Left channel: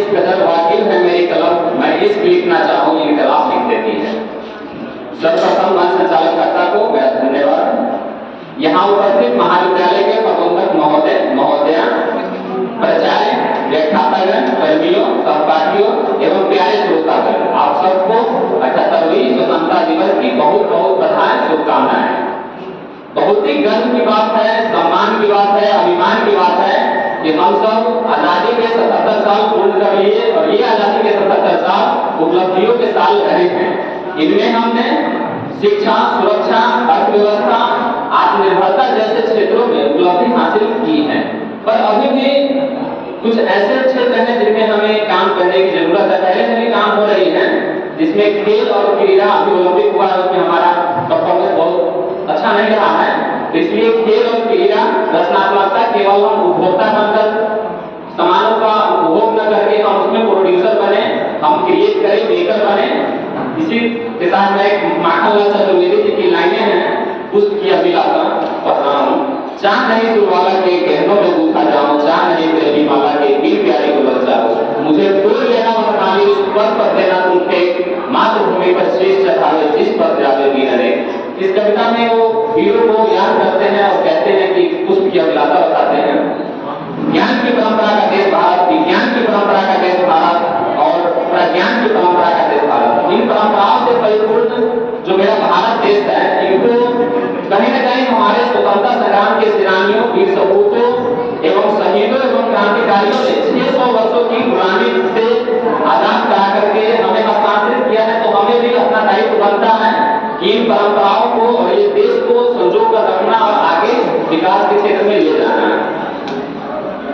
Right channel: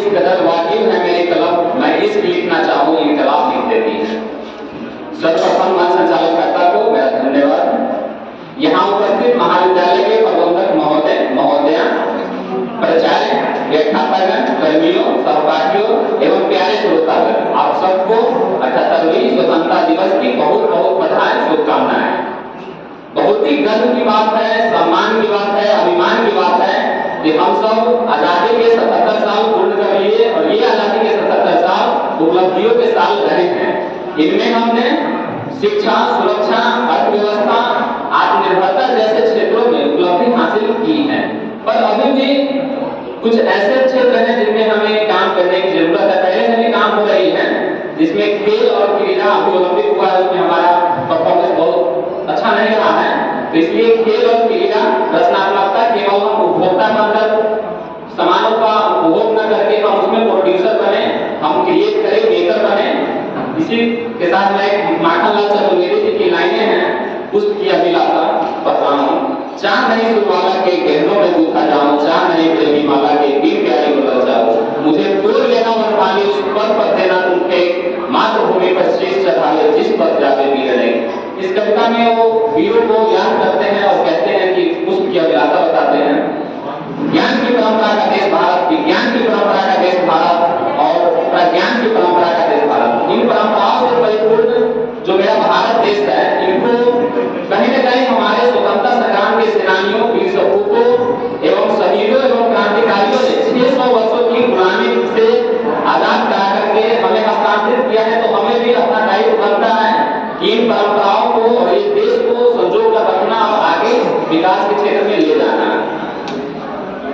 इस कदर वाकिफ है मेरी कलम, मैं इश्क लिखना चाहूँ इनकलाब लिख देती है। सर्वप्रथम मंच संचालकर्ता को मेरा धन्यवाद। यहाँ उपस्थित महाविद्यालय के प्रबंधक महोदय महोदया, प्राचार्य, व्याख्यातागण, कर्मियों, सहपाठियों एवं प्यारे श्रोतागण, आप सबको 78वें स्वतंत्रता दिवस की बहुत बहुत बधाई, शुभकामनाएं। बहुत ही गर्व की बात है, सम्मान की बात है, अभिमान की बात है कि हम सब आजादी के 77 साल पूर्ण कर लिए और ये आजादी के 77 साल उपलब्धियों के साल रहे हैं। इनमें हमने शिक्षा, सुरक्षा, अर्थव्यवस्था, आत्मनिर्भरता जैसे क्षेत्रों में उपलब्धि हासिल की है, पर अभी भी कुछ ऐसे क्षेत्र हैं जिनमें हमें काम करने की जरूरत है। पहले से भी काम हो रही है, जिसमें खेल और क्रीड़ा अभी ओलंपिक हुआ है, उसमें हमारा परफॉर्मेंस बहुत अच्छा नहीं रहा है। इसलिए खेल और क्रीड़ा, रचनात्मकता केवल हम उपभोक्ता बनकर सामानों का उपभोग न करके हम उसमें प्रोड्यूसर बने, हम क्रिएट करें, मेकर बने। इसी के साथ में माखनलाल चतुर्वेदी जी की लाइनें हैं, पुष्प की अभिलाषा पढ़ रहा हूँ। चाह नहीं सुरवाला के गहनों में गूंथा जाऊं, चाह नहीं प्रेमी माला के दिल प्यारे को बच जाऊं, मुझे तोड़ लेना और पानी उस पर देना तुमके मातृभूमि पर शीश चढ़ावे जिस पर जावे वीर ने। इस कविता में वो वीरों को याद करते हैं और कहते हैं कि पुष्प की अभिलाषा बताते हैं। ज्ञान की परंपरा का देश भारत, विज्ञान की परंपरा का देश भारत और प्रज्ञान की परंपरा का देश भारत। इन परंपराओं से परिपूर्ण जो मेरा भारत देश है, इनको कहीं न कहीं हमारे स्वतंत्रता संग्राम के सेनानियों, वीर सपूतों एवं शहीदों एवं क्रांतिकारियों ने 600 वर्षों की गुलामी से आजाद करा करके हमें हस्तांतरित किया है। तो हमें भी अपना दायित्व बनता है कि इन परंपराओं को और इस देश को संजो कर रखना और आगे विकास के क्षेत्र में ले जाना।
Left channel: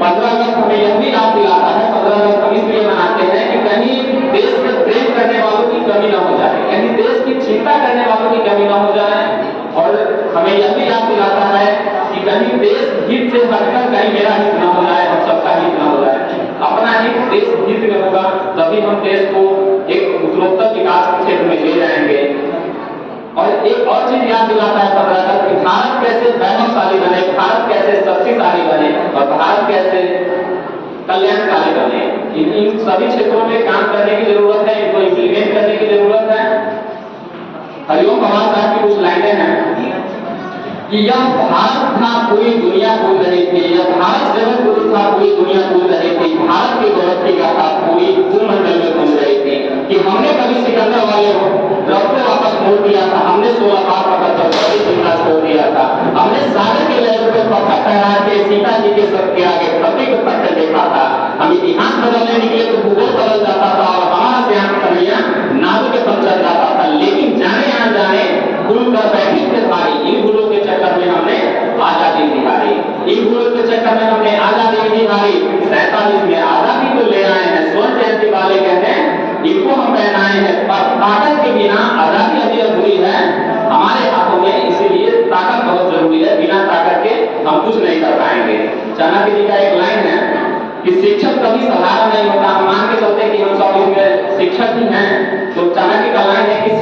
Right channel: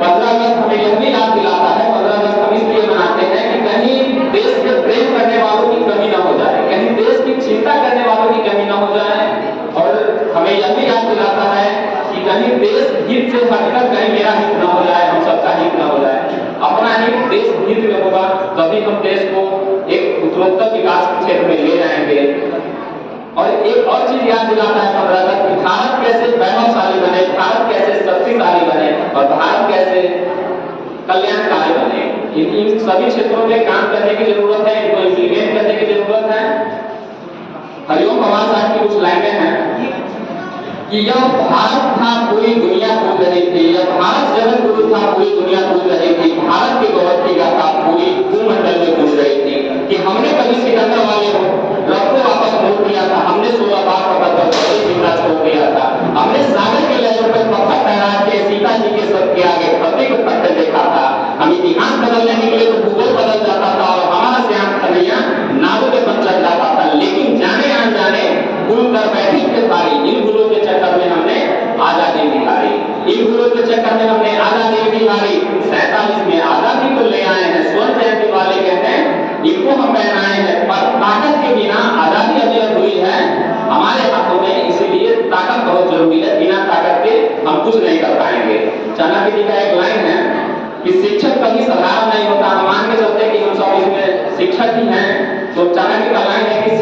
15 अगस्त हमें यह भी याद दिलाता है, 15 अगस्त हम इसलिए मनाते हैं कि कहीं देश के प्रेम करने वालों की कमी न हो जाए, कहीं देश की चिंता करने वालों की कमी न हो जाए। और हमें यह भी याद दिलाता है कि कहीं देश हित से हटकर कहीं मेरा हित न हो जाए, हम सबका हित न हो जाए। अपना हित देश हित में होगा, तभी हम देश को एक उत्तरोत्तर विकास के क्षेत्र में ले जाएंगे। और एक और चीज याद दिलाता है 15 अगस्त कि भारत कैसे वैभवशाली बने, भारत कैसे शक्तिशाली बने और भारत कैसे कल्याणकारी बने। इन सभी क्षेत्रों में काम करने की जरूरत है, इनको इम्प्लीमेंट करने की जरूरत है। हरिओम भगवान साहब की कुछ लाइनें हैं कि यह भारत था पूरी दुनिया भूल रही थी, यह भारत जगत गुरु था पूरी दुनिया भूल रही थी, भारत के गौरव की गाथा पूरी भूमंडल में गूंज रही थी। कि हमने कभी सिकंदर वाले रथ को वापस मोड़ दिया था, हमने 16 बार पकड़ कर जिंदा छोड़ दिया था, हमने सागर के लहरों पर पत्थर ठहरा के सीता जी के सर के आगे पति को पकड़ देखा था। हम इतिहास बदलने निकले तो भूगोल बदल जाता था और हमारा श्याम कन्हैया नावों के बन चढ़ जाता था। लेकिन जाने आ जाने भूल कर बैठे थे भारी, इन भूलों के चक्कर में हमने आजादी दिखाई, इन भूलों के चक्कर में हमने आजादी दिखाई। 47 में आजादी को ले आए हैं, स्वर्ण जयंती वाले कहते हैं इनको हम पहनाए हैं, पर ताकत के बिना आजादी अभी अधूरी है हमारे हाथों में। इसीलिए ताकत बहुत जरूरी है, बिना ताकत के हम कुछ नहीं कर पाएंगे। चाणक्य जी का एक लाइन है कि शिक्षक कभी सहारा नहीं होता। हम मान के चलते कि हम सब इसमें शिक्षक ही हैं, तो चाणक्य का लाइन है कि